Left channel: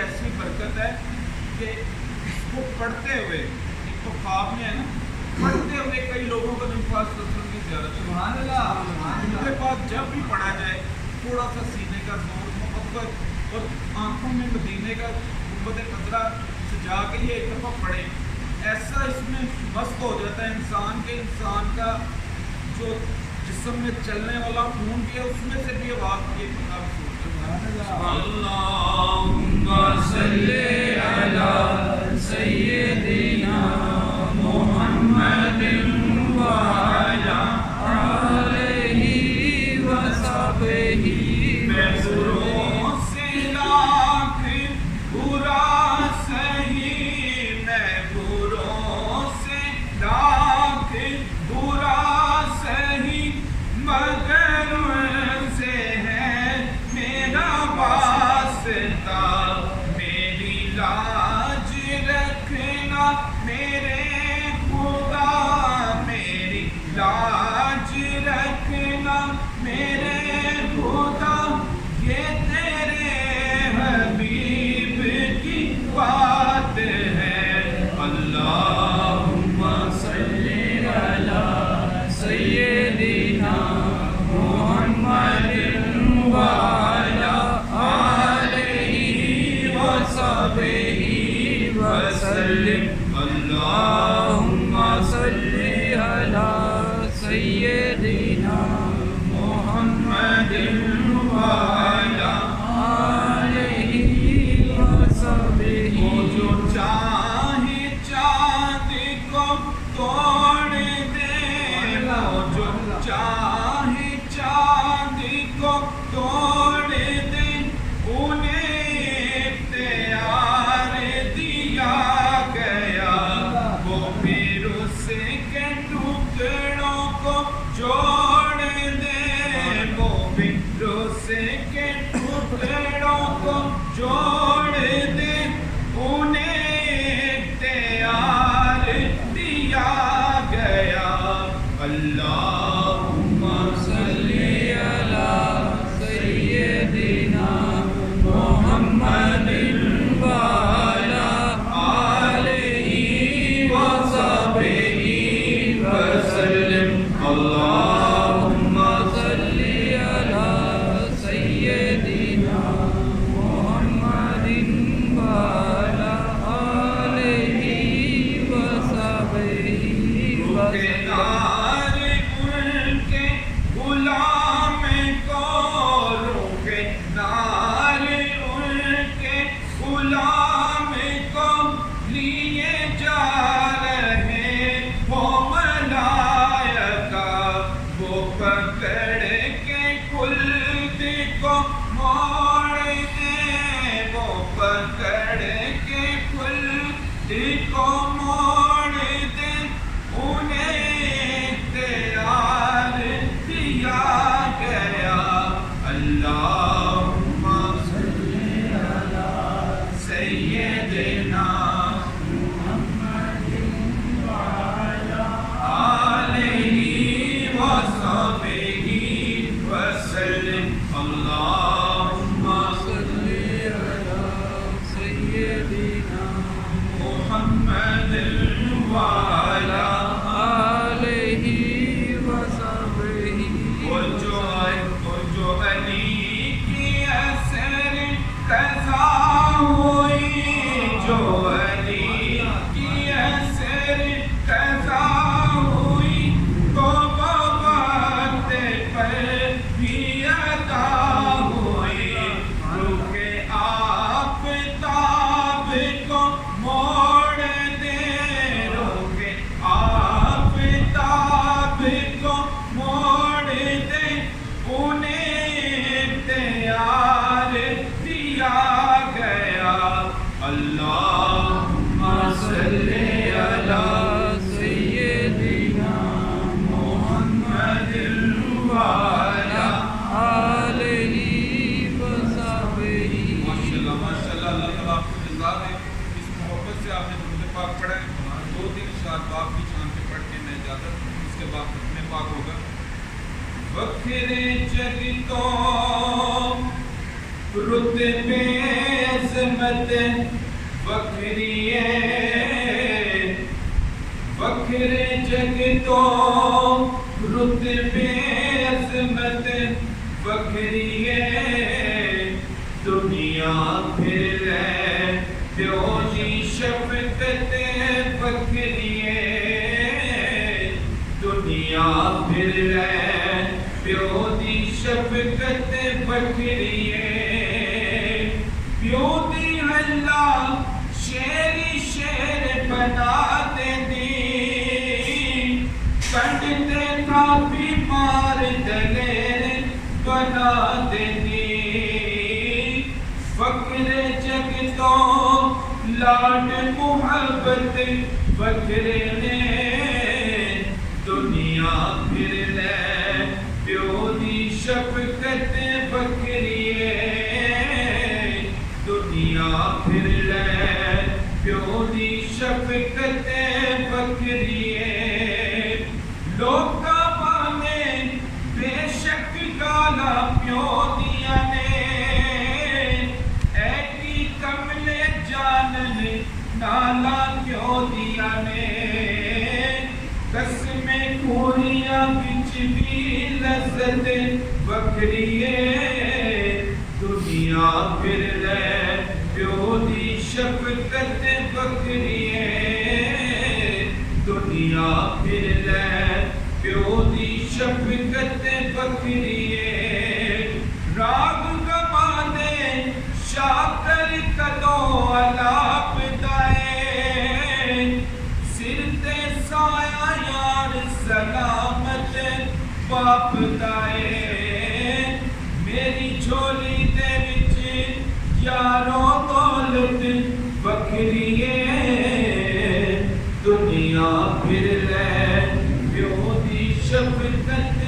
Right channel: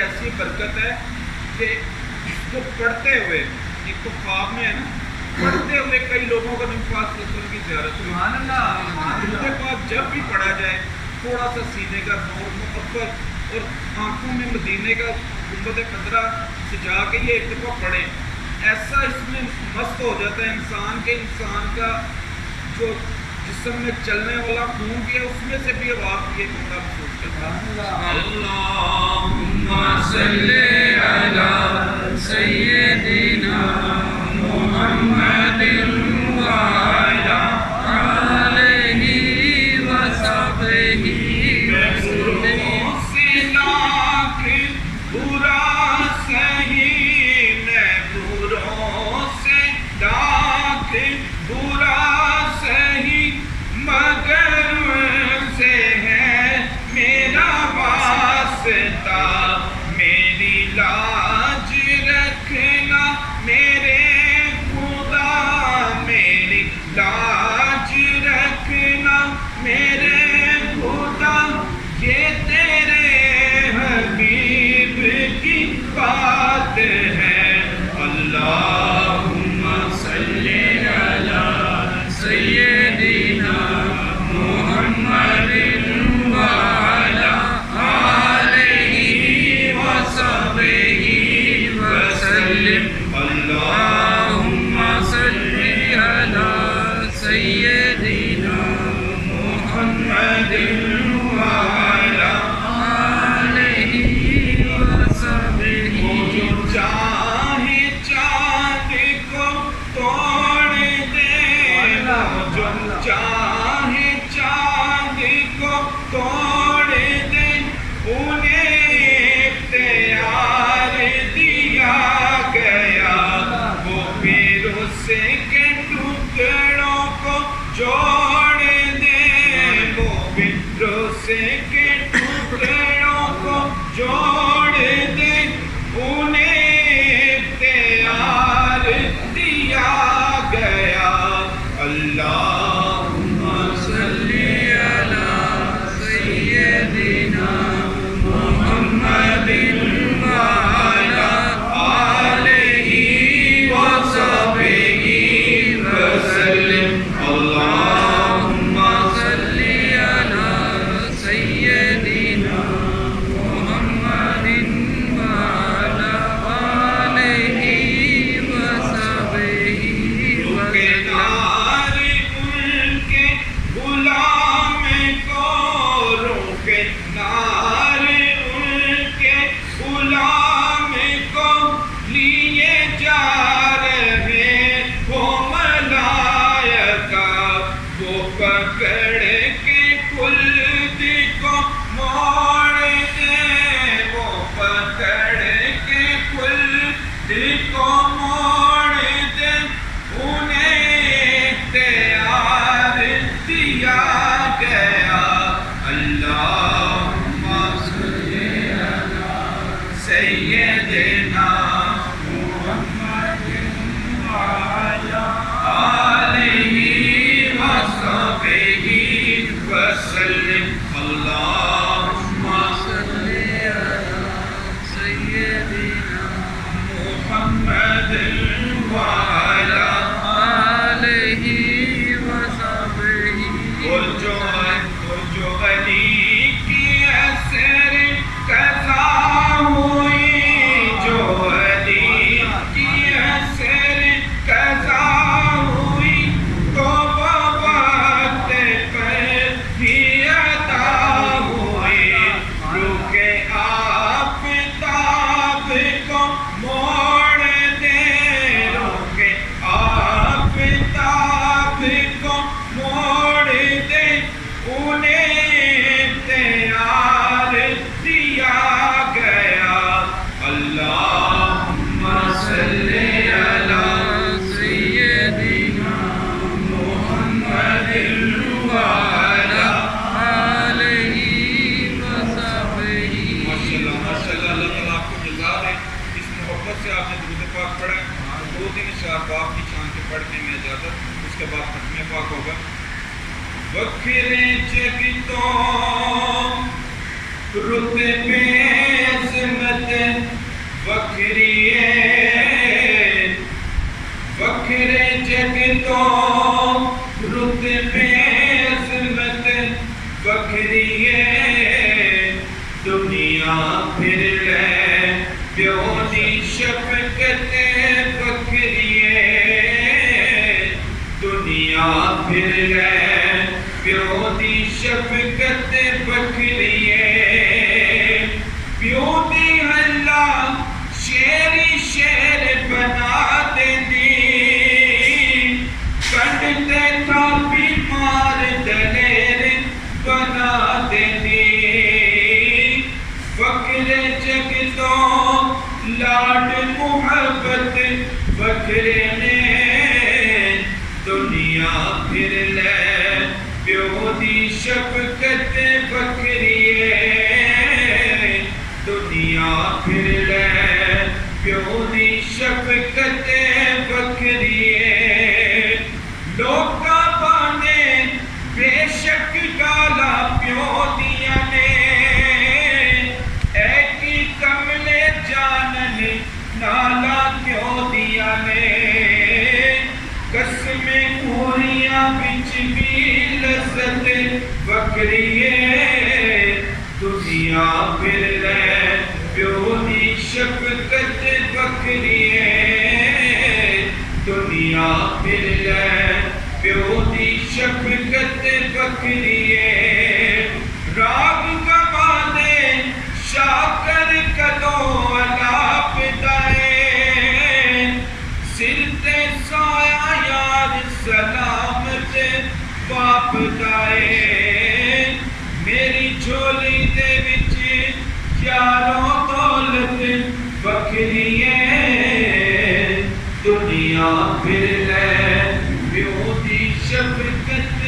ایسی برکت ہے کہ اس کو پڑھتے ہوئے، ایک تو خواب میں ہے نا، پڑھتے ہوئے کئی لوگوں کا نبی پاک صلی اللہ علیہ وسلم کی زیارت، سبحان اللہ، اس کے بعد جب بھی پڑھا جائے تھوڑا سا سینے کا نور، محبت اور آنکھوں میں مدینے کا گنبد خضرا سجا کے یہ ایک دفعہ پڑھیں، ایسا اس میں مست ہو جاتا ہے انسان کے، انسان کا جو جسم میں چلنے والا خون بھی ہے اس میں سے بھی اب آپ یہ بندہ محسوس کرتا ہے۔ اللہم صلی علی سیدنا محمد وعلی آلہ وصحبہ وسلم۔ سے لاکھ برا سہی، میں بروں سے لاکھ برا سہی، مگر سے ہے میرا واسطہ، میری لاج رکھنا میرے خدا، میری لاج رکھنا میرے خدا، یہ تیرے حبیب کی بات ہے۔ اللہم صلی علی سیدنا محمد وعلی آلہ وصحبہ وسلم۔ اللہم صلی علی سیدنا محمد وعلی آلہ وصحبہ۔ جو چاہے چاند کو توڑ دے، جو چاہے چاند کو توڑ دے، انہیں اختیار دیا گیا، وہ پھر اس کے ٹکڑوں کو جوڑ دے، وہ پھر اس کے ٹکڑوں کو جوڑ دے، انہیں اختیار دیا گیا۔ اللہم صلی علی سیدنا محمد وعلی آلہ وصحبہ وسلم۔ اللہم صلی علی سیدنا محمد وعلی آلہ وصحبہ وسلم۔ ان کے غلام کو روکے نار، ان کے غلام کو لیے جا رہے ہو ملائکہ، وہ پکڑ کے خلد کو موڑ دے، وہ پکڑ کے خلد کو موڑ دے، انہیں اختیار دیا گیا۔ اللہم صلی علی سیدنا محمد وعلی آلہ وصحبہ وسلم۔ اللہم صلی علی سیدنا محمد وعلی آلہ وصحبہ۔ اور جو علی کی اثر قضا ہوئی، جو علی کی اثر قضا ہوئی، تو وہ وقت پر ہی عطا وکھرے جگتوں رتبے عظمت وکھری ہے، وکھرے جگتوں رتبے عظمت وکھری ہے، دنیا پھر لے پیو دی شفقت وکھری ہے، دنیا پھر لے پیو دی شفقت وکھری ہے، پیو دی اللہ شیری شیر بنا دیندی، کنڈتے تھا بیمار دلیر بنا دیندی، وکھرے جگتوں لاڈ محبت وکھرے نے، دنیا پھر لے پیو دی شفقت وکھری ہے، دنیا پھر لے پیو دی شفقت وکھری ہے، لوکاں بانے بے شک گالا پیو دیا نے، اے کی کملے جانن نالا کیوں دیا نے، قسمیں کوریاں بچ بھی لذت وکھری ہے، دنیا پھر لے پیو دی شفقت وکھری ہے، دنیا پھر لے پیو دی شفقت وکھری ہے، راگ گوانے شاکر کدوں علاپ دائے، سر تے سایہ یار سلامت باپ دائے، میری جھولی دے وچ یارو دولت وکھری ہے، دنیا پھر لے پیو دی شفقت